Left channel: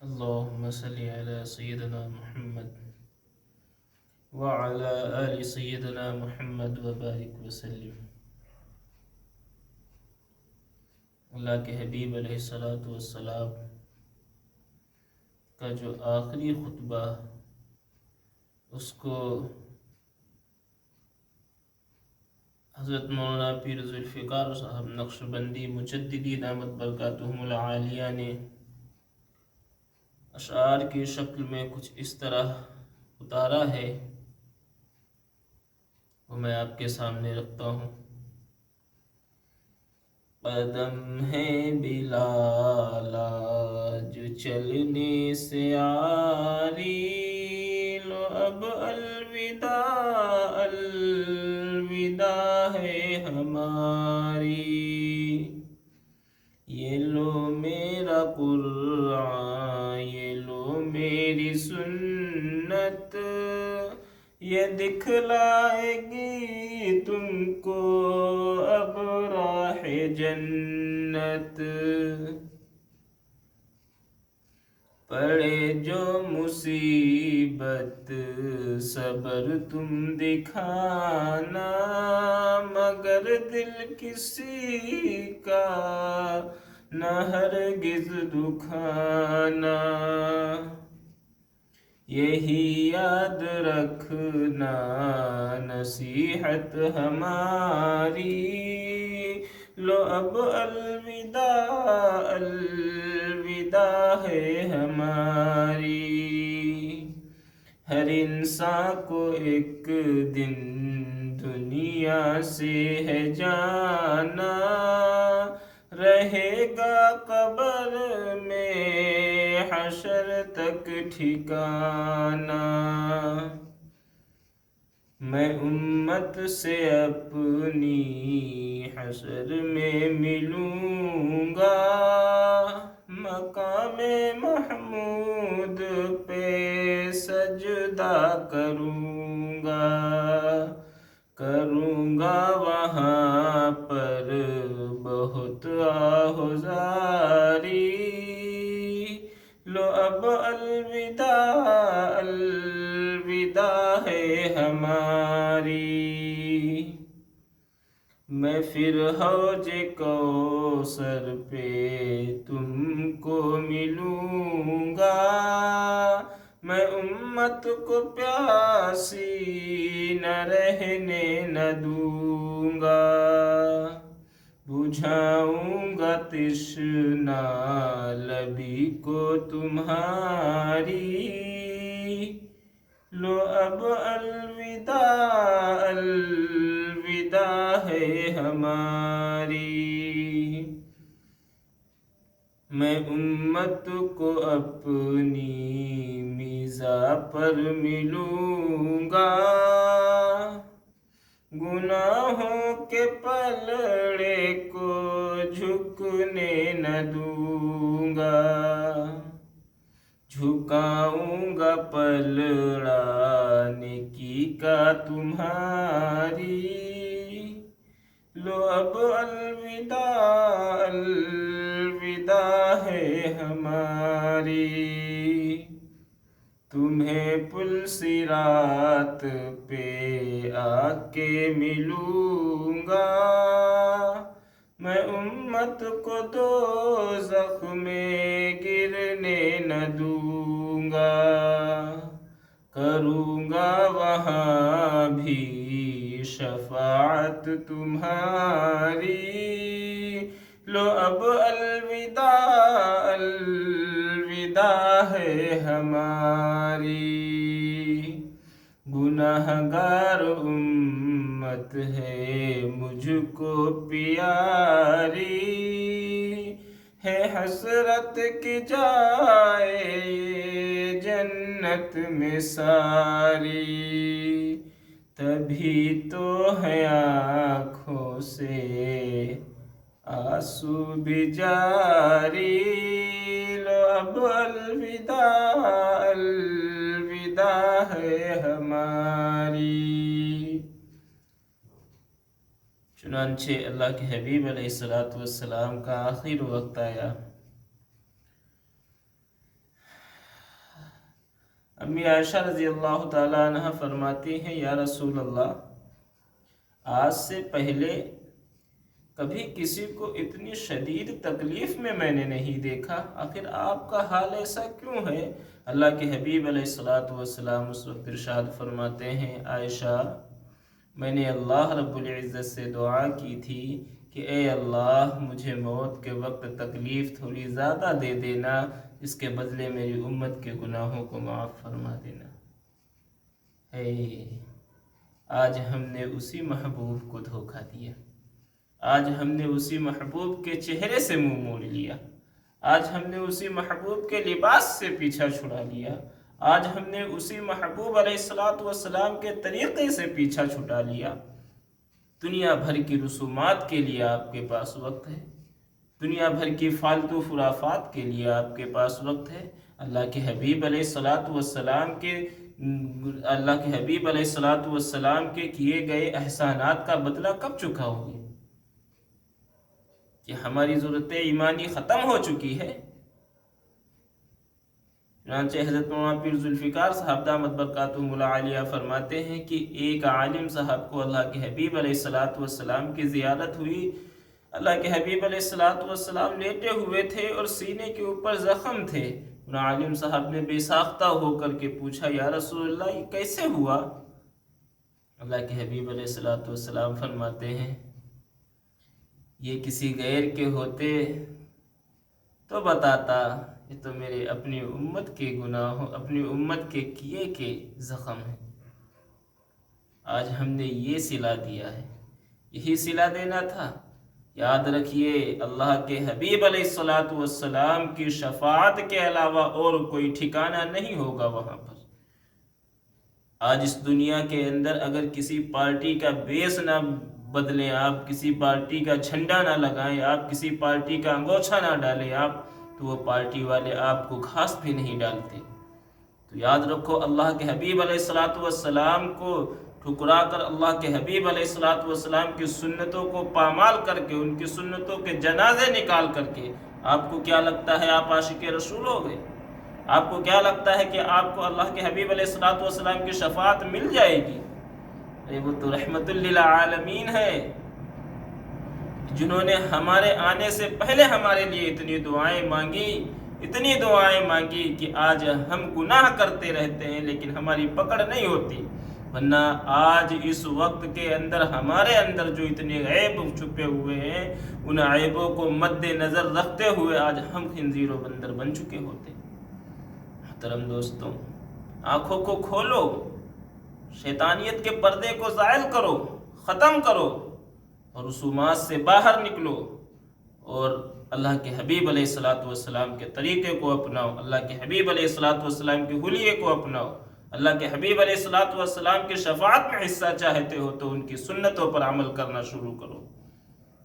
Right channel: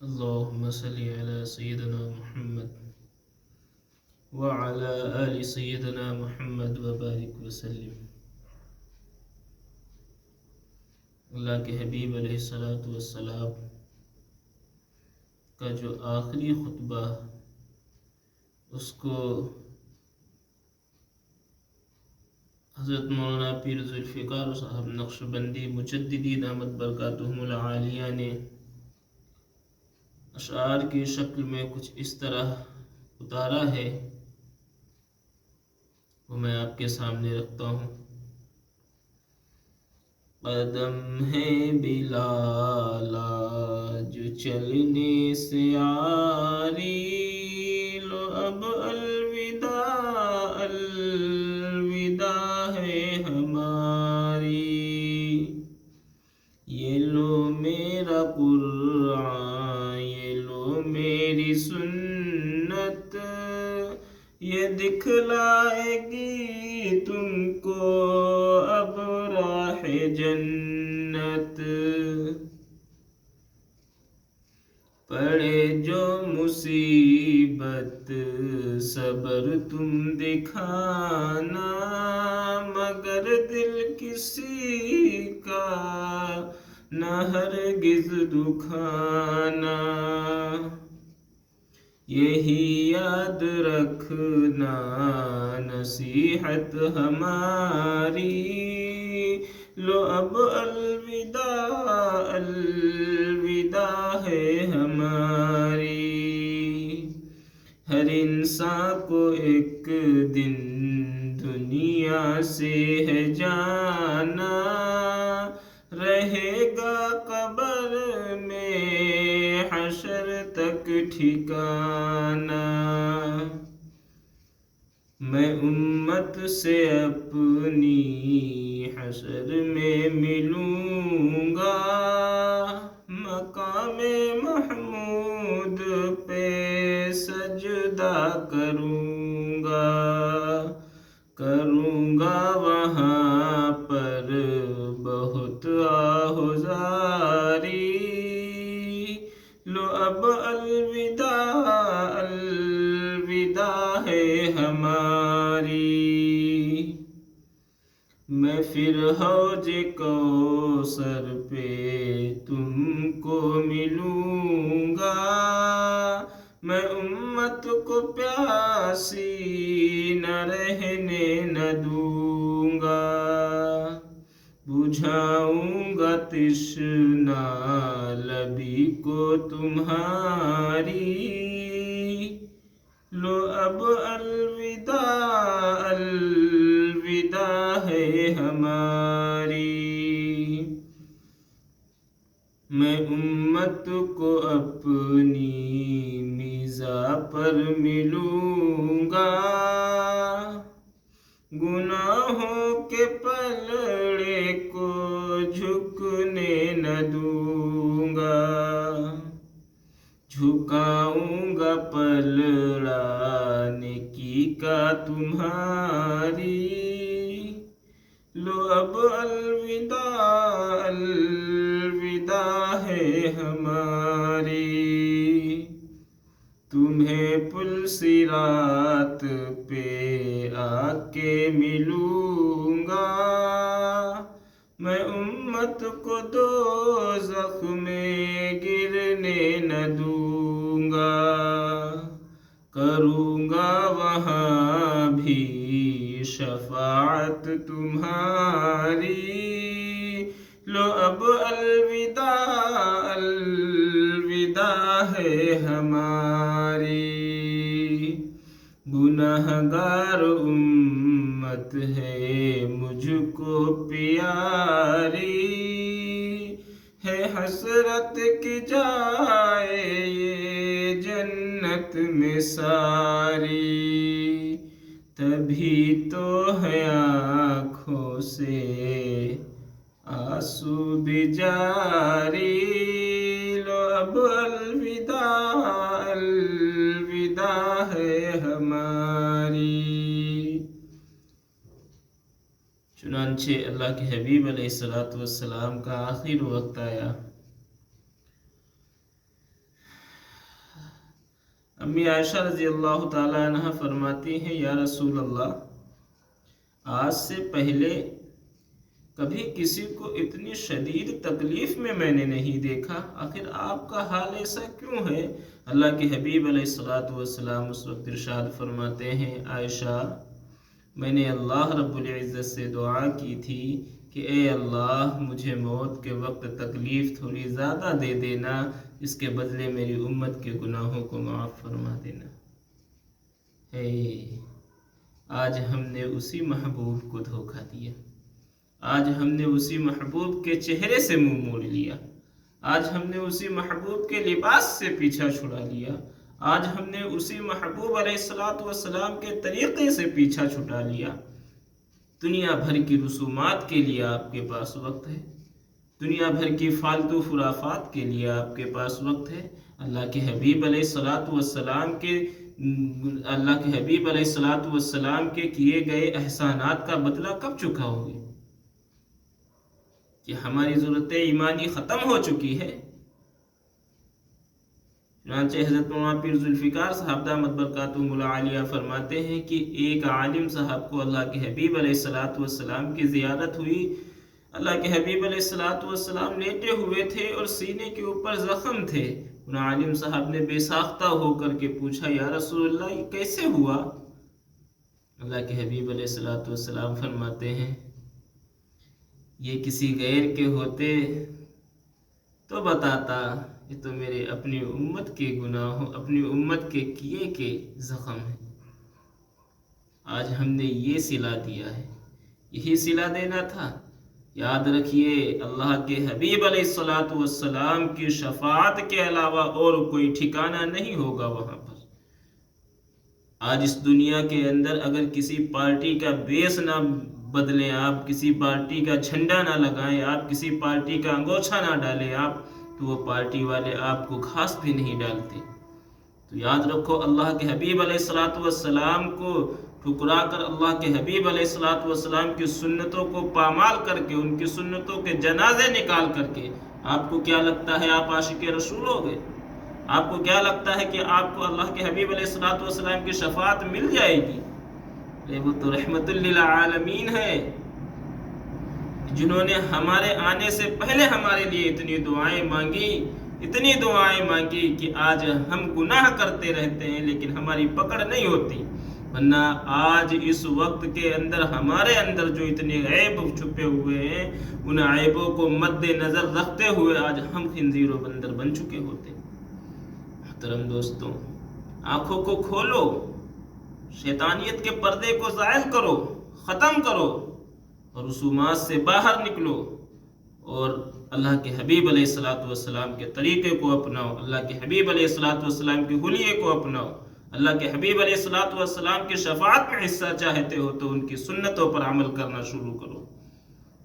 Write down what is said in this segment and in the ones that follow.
اللهم صل على سيدنا محمد وعلى آل سيدنا محمد وبارك وسلم۔ اللہ کے حبیب علیہ الصلاۃ والسلام کا جو آخری خطبہ اس کو حضرت مولانا پیر ذوالفقار صاحب نقشبندی مجددی دامت برکاتہم العالیہ نے اشعار کی شکل میں کچھ اس طرح اتارا ہے، وہ میں آپ کے سامنے رکھتا ہوں۔ قدم ہے بلالا جو چلنے سے عاری، لو اب الوداع الوداع ہے ہماری، یہ لو میرا قرآن یہ لو میری سنت، یہ دکھلائے گی تم کو اب راہ جنت۔ پڑے جو مصیبت صبر تم دکھانا، مگر دل کسی کا نہ ہرگز دکھانا، یہی یاد رکھنا نصیحت ہماری، لو اب الوداع الوداع ہے ہماری۔ ہر انسان کو ایک دن دنیا سے ہے جانا، رہے گا قبر میں حشر تک ٹھکانا، میں امت سے اپنی حشر میں ملوں گا، مقام محمود پہ سجدہ کروں گا وہاں پر بہت آہوزاری، لو اب الوداع الوداع ہے ہماری۔ میں پھر حوض کوثر پہ تم کو ملوں گا، میں امت کو پیاسی نہ رہنے نہ دوں گا، بجھاؤں گا تشنا لبی کو تمہاری، لو اب الوداع الوداع ہے ہماری۔ میں امت کو اپنی میزا پر ملوں گا، گناہوں کے پلڑے کو جھکنے نہ دوں گا، جھکاؤں گا پلڑا نیکی کا تمہاری، لو اب الوداع الوداع ہے ہماری۔ تمہیں پل صراط پہ آ کے ملوں گا، میں امت کو دوزخ میں گرنے نہ دوں گا، کروں گا وہاں بھی شفاعت تمہاری، لو اب الوداع الوداع ہے ہماری۔ گنہگار امت ہے مجھ کو پیاری، ہے حسرت کی جائے یہ جنت میں ساری، تبھی تو ہے آنکھوں سے آنسو بھی جاری، لو اب الوداع الوداع ہے ہماری۔ چنانچہ اللہ کے حبیب علیہ السلام کا آخر وقت آیا، امی عائشہ رضی اللہ تعالیٰ عنہ فرماتی ہیں یا رسول اللہ، آج سے پہلے کبھی کسی کو اتنی شدید تکلیف میں نے نہیں دیکھا، آخر آپ کا حال ایسا کیوں ہے؟ اللہ کے حبیب علیہ الصلوۃ والسلام اس وقت ارشاد فرماتے ہیں، عائشہ میں نے اللہ رب العزت سے دعا کی تھی کہ اے اللہ مجھے موت کے وقت تکلیف تھوڑی زیادہ دے دینا، اس کے بدلے میری امت کے گناہوں کو معاف فرما دینا۔ آج ہم نے اسی محبوب کو دھوکہ دیا، آج ہم نے اسی محبوب کے چہرے سے منہ موڑ لیا، آج ہم نے اسی محبوب کے لباس سے پیچھا چھڑا لیا، آج ہم نے اسی محبوب علیہ الصلوۃ والسلام کے طریقے سے پیچھا چھٹا لیا۔ دنیا بھر کی رسومات کے لیے آپ کے پاس وقت ہے، دنیا بھر کی فالتو خرافات کے لیے آپ کے پاس وقت ہے۔ اللہ کے حبیب علیہ الصلوۃ والسلام کے کیے گئے احسانات کا بدلہ کب چکاؤ گے؟ کہ ہماری ضرورت ایمانی ختم ہو چکی ہے۔ چنانچہ حضرت مولانا پیر ذوالفقار صاحب دامت برکاتہم العالیہ فرماتے ہیں کہ ایک عالم صاحب کو اللہ کے حبیب علیہ الصلوۃ والسلام کی زیارت ہوئی۔ اللہ کے حبیب علیہ الصلوۃ والسلام لیٹے ہوئے تھے اور سینے کے اوپر زخم تھے۔ ان عالم صاحب نے بے ساختہ ہو کر کے پوچھا، یا رسول اللہ یہ کیسے ہوا؟ اللہ کے حبیب علیہ الصلوۃ والسلام فرماتے ہیں، یہ کسی غیر کے ہوتے تو بتاتا، یہ تو میرے اپنی امت کے گناہوں، اپنی امت کے کیے کے زخم ہیں۔ آج ہم نے یہ صلہ دیا ہے، یہی صلہ دینا تھا۔ یاد رکھیے اللہ کے حبیب علیہ الصلوۃ والسلام کی شفاعت کے علاوہ اور کوئی ٹھکانہ نہیں ہوگا وہاں پر۔ آج اس دنیا کے اندر اگر کسی پارٹی کا بیس نہ بدلیں، آپ کسی پارٹی کا جھنڈا نہ لگائیں، آپ کسی پارٹی کا انگوچھا نہ ڈالیں آپ، تو وہ پارٹی والے آپ کو گھاس بھی نہیں ڈالتے۔ تو یاد رکھو اللہ کے حبیب علیہ الصلوۃ والسلام کو ٹھکرا کر، اللہ کے حبیب علیہ الصلوۃ والسلام کی سنتوں کو پامال کر کے، ان کی سنتوں کے جنازے نکال کر کے، آپ کو کیا لگتا ہے آپ عاشق رسول ہو گئے؟ آپ کو کیا لگتا ہے کہ آپ کو اللہ کے حبیب علیہ الصلوۃ والسلام کی شفاعت مل جائے گی؟ وہ تو رحمت للعالمین ہے، جنہوں نے ہمارے آنے سے پہلے ہمارے لیے اتنی دعائیں مانگی کہ آج ہم گناہ کرتے رہتے ہیں لیکن ہماری پکڑ نہیں ہوتی۔ ورنہ آج اس وقت کے اندر ہمارے اندر جو اتنے عیب چھپے ہوئے ہیں، ان عیبوں کو مد نظر رکھتے ہوئے آج ہم خنزیر و بندر بن چکے ہوتے۔ محترم دوستوں، آنکھوں کو کھولو، شیطانیت کے پردے کو زائل کرو، ختم کرو، اور رسومات سے باہر نکلو، اور اللہ کے حبیب علیہ الصلوۃ والسلام کے طریقے کو اپناؤ، اللہ کے حبیب علیہ الصلوۃ والسلام کے حلیے کو اپناؤ، اللہ کے حبیب علیہ الصلوۃ والسلام کی شفاعت میں حصہ چاہتے ہو تو ان کی سنتوں پر عمل کرنا شروع کرو،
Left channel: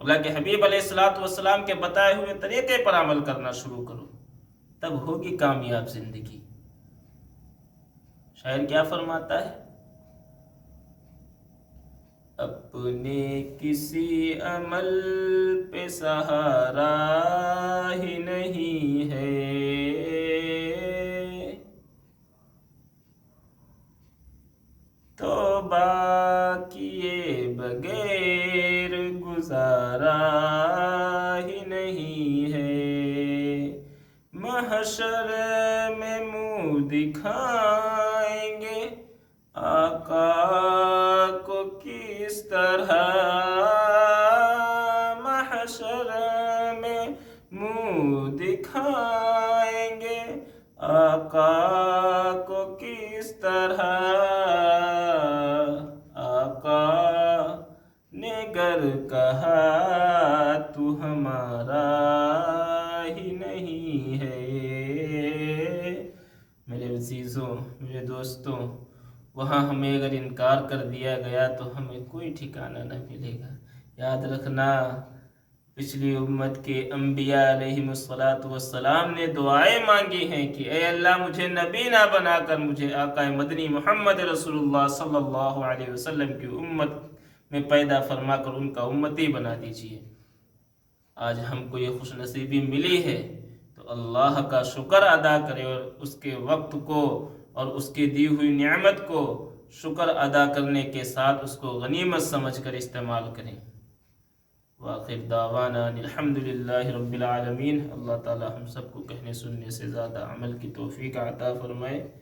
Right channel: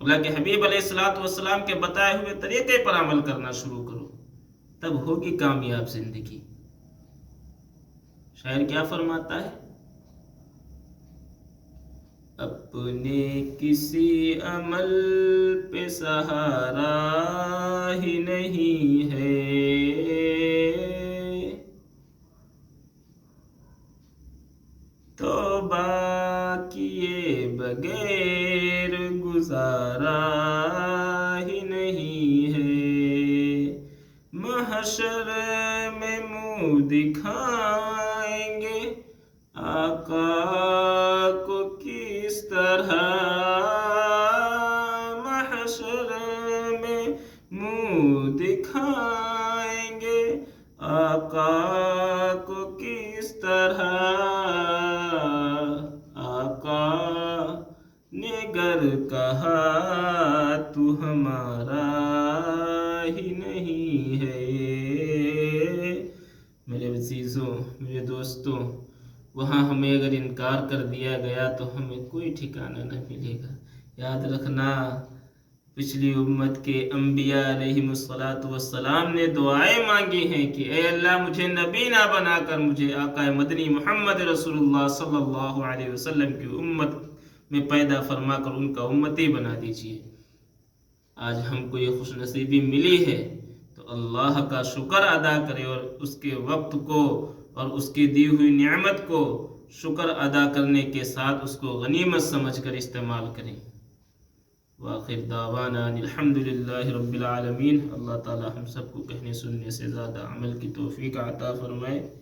اللہ کے حبیب علیہ الصلوۃ والسلام کے بتائے ہوئے طریقے پر عمل کرنا شروع کرو، تب ہوگی کامیاب زندگی۔ شاعر کیا فرماتا ہے؟ اپنے کسی عمل پہ سہارا ہی نہیں ہے، توبہ کیے بغیر گزارا ہی نہیں ہے، محشر میں منہ دکھائیں گے آقا کو کس طرح، محشر میں منہ دکھائیں گے آقا کو کس طرح، آقا نے گر کہا تو ہمارا ہی نہیں ہے۔ میرے عزیزوں، میرے دوستوں، وہاں ہمیں اگر انکار کر دیا گیا تو ہمیں کوئی ٹھکانہ نہ ملے گا۔ یاد رکھنا، پچھلی امت کے انبیاء علیہم الصلوۃ والسلام نے دعائیں مانگی ہیں کہ اے اللہ مجھے نبی نہ بنا کر مجھے آقا مدنی محمد رسول اللہ صلی اللہ علیہ وسلم کی امت میں پیدا فرما کر ان کا امتی بنا دیجیے۔ آج ہم کو یہ خوش نصیبی ملی ہے تو اللہ کا شکر ادا کرے اور اس کے وقت کو اور اس کی دی ہوئی نعمت کو شکر ادا کرنے کے ساتھ اس کو غنیمت سمجھ کر استعمال کریں۔ وآخر دعوانا الحمدللہ رب العالمین۔ اللہ تعالی ہم سب کو کہنے سننے سے زیادہ عمل کی توفیق عطا فرمائے۔